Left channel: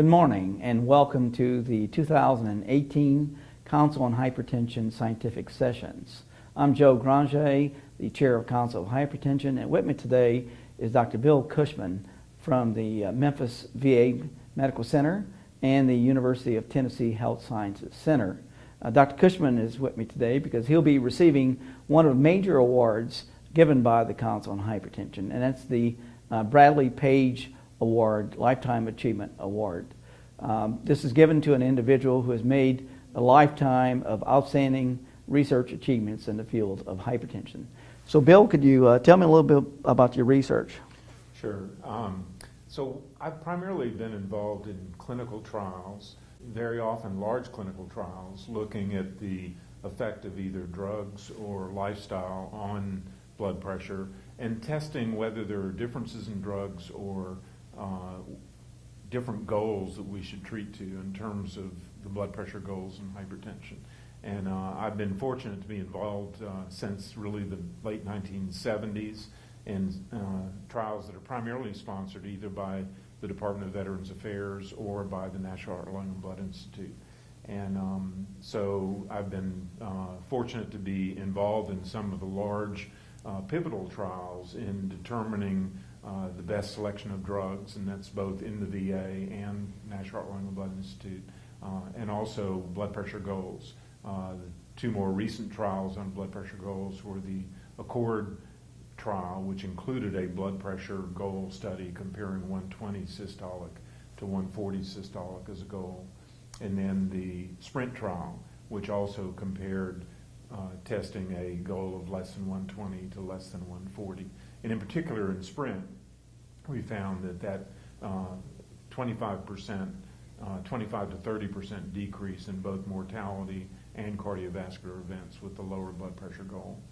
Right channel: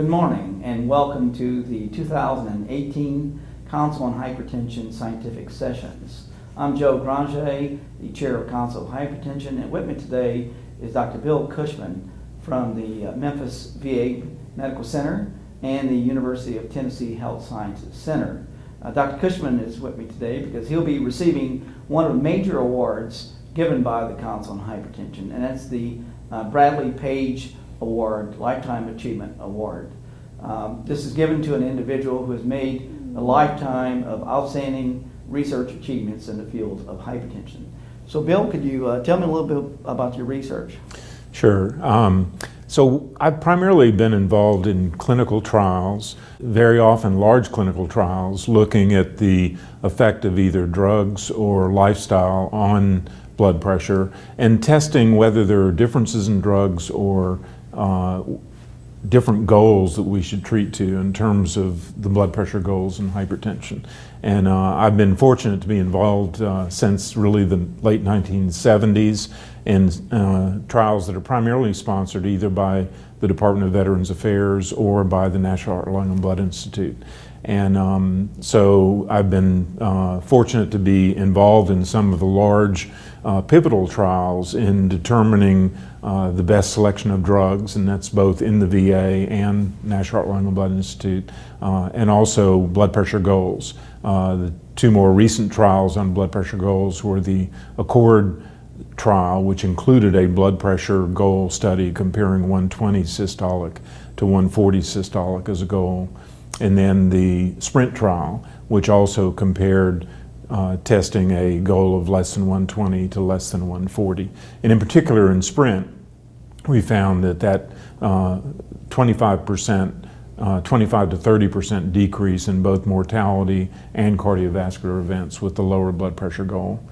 Good morning and welcome to the 2018 Council on Hypertension Scientific Sessions. I'm Joe Granger, the Chair of Council of Hypertension, and with me today is Dr. Bill Cushman from the Memphis VA Medical Center and the University of Tennessee Health Sciences Center. Dr. Cushman is with me today because he'll be receiving one of the major awards given by the Council on Hypertension, and that's the Bradley Page Award, Lifetime Achievement Award. This is given to an individual who has made a lifetime of outstanding research achievements in the field of hypertension. So Bill, could you tell me a little bit about your research? Sure. So I've primarily been involved in clinical trials, very often large clinical trials, looking at the effect of either drugs or lifestyle on blood pressure and testing whether there are differences in drugs or different goals that we should treat to in terms of the blood pressure goals in hypertension. And I've been fortunate to be involved since really the late 1970s in trials that are primarily sponsored either by the Department of Veterans Affairs or by the National Heart, Lung, and Blood Institute. And so I've been fortunate to be involved in some of the large pivotal trials in determining the best selection of drugs, and that's both in the VA and National Heart, Lung, and Blood Institute, and also blood pressure goals. The two more recent trials on blood pressure goals were the Accord trial, which included a blood pressure goal study comparing 120 systolic to 140 systolic as a goal, and then the Sprint trial, which also compared testing a goal of less than 120 to less than 140. And in particular in Sprint, we found that 25 to 30% decrease in both mortality and cardiovascular events with the lower blood pressure goal.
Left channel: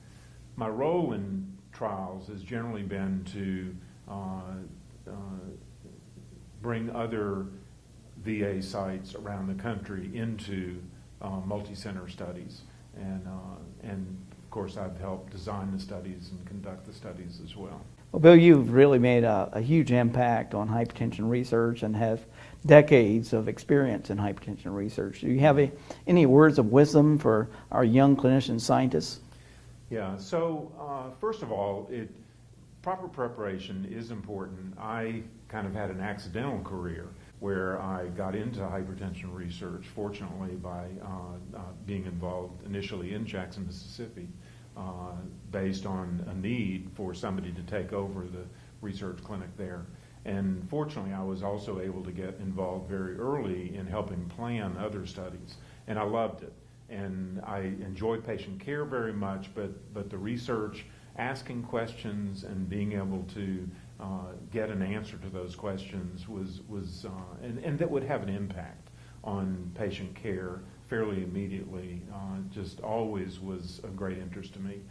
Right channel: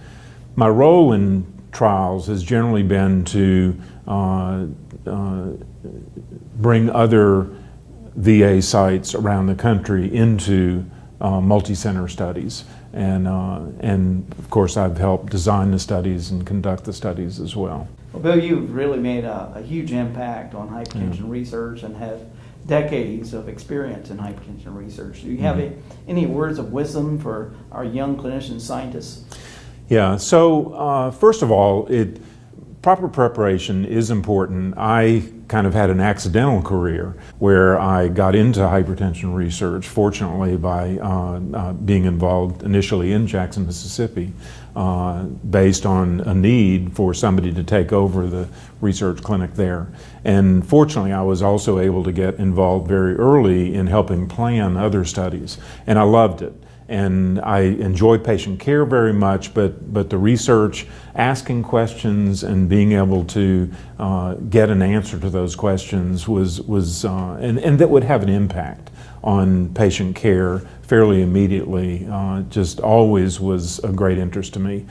My role in trials has generally been to bring other VA sites around the country into multi-center studies. And of course I've helped design the studies and conduct the studies as well. Well, Bill, you've really made a huge impact on hypertension research and have decades of experience in hypertension research. Do you have any words of wisdom for our young clinician scientists? Yeah, so first of all, proper preparation is important. I kind of had an accidental career where I got into hypertension research, fortunately by being involved initially in Jackson, Mississippi, based on a need for somebody to take over the research clinic there. And fortunately, I was also able to get involved very early in helping plan other studies, and I loved it. And I enjoy patient care very much, but the research, asking questions and being able to get an answer to those questions and that would have an impact on patient care fairly immediately, just always was a great interest to me.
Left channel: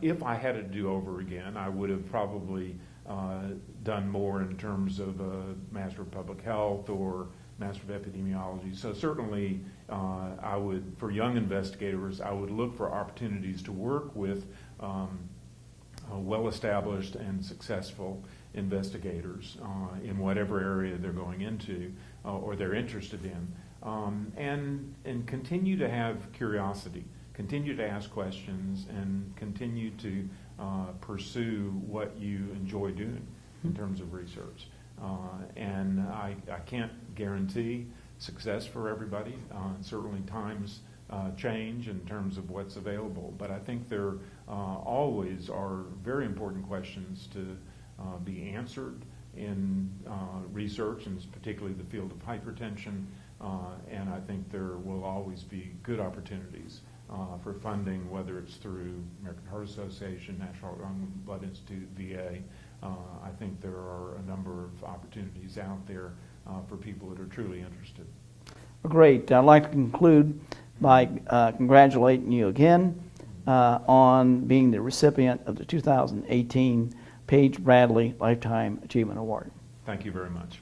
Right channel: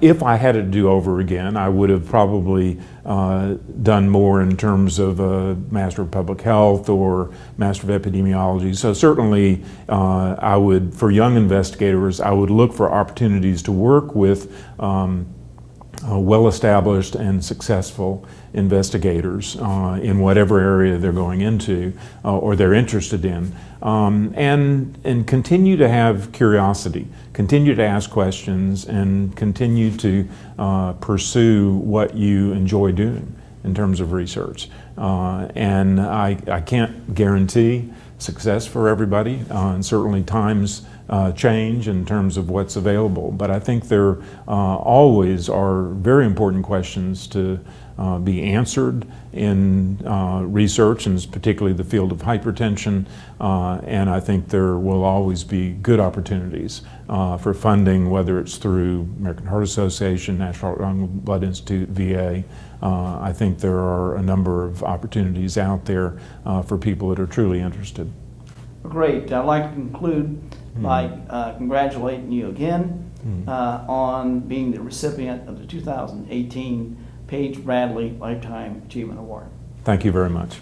If I had it to do over again, I would have probably done more in terms of a Master of Public Health or Master of Epidemiology. So certainly I would, for young investigators, I would look for opportunities to work with well-established and successful investigators in whatever area they're going into or they're interested in, and continue to have curiosity, continue to ask questions, and continue to pursue what you enjoy doing in terms of research. And I can't guarantee success for everybody, and certainly times change in terms of what's available, but I think there always are very important questions to be answered in research, and particularly the field of hypertension, and I think there will always be good opportunities for funding, whether it's through American Heart Association, National Heart, Lung, and Blood Institute, VA. I think there are a number of opportunities out there for people that are truly interested. Great. I'd like to conclude by congratulating you again on being the recipient of the 2018 Page Bradley Lifetime Achievement Award. Thank you very much.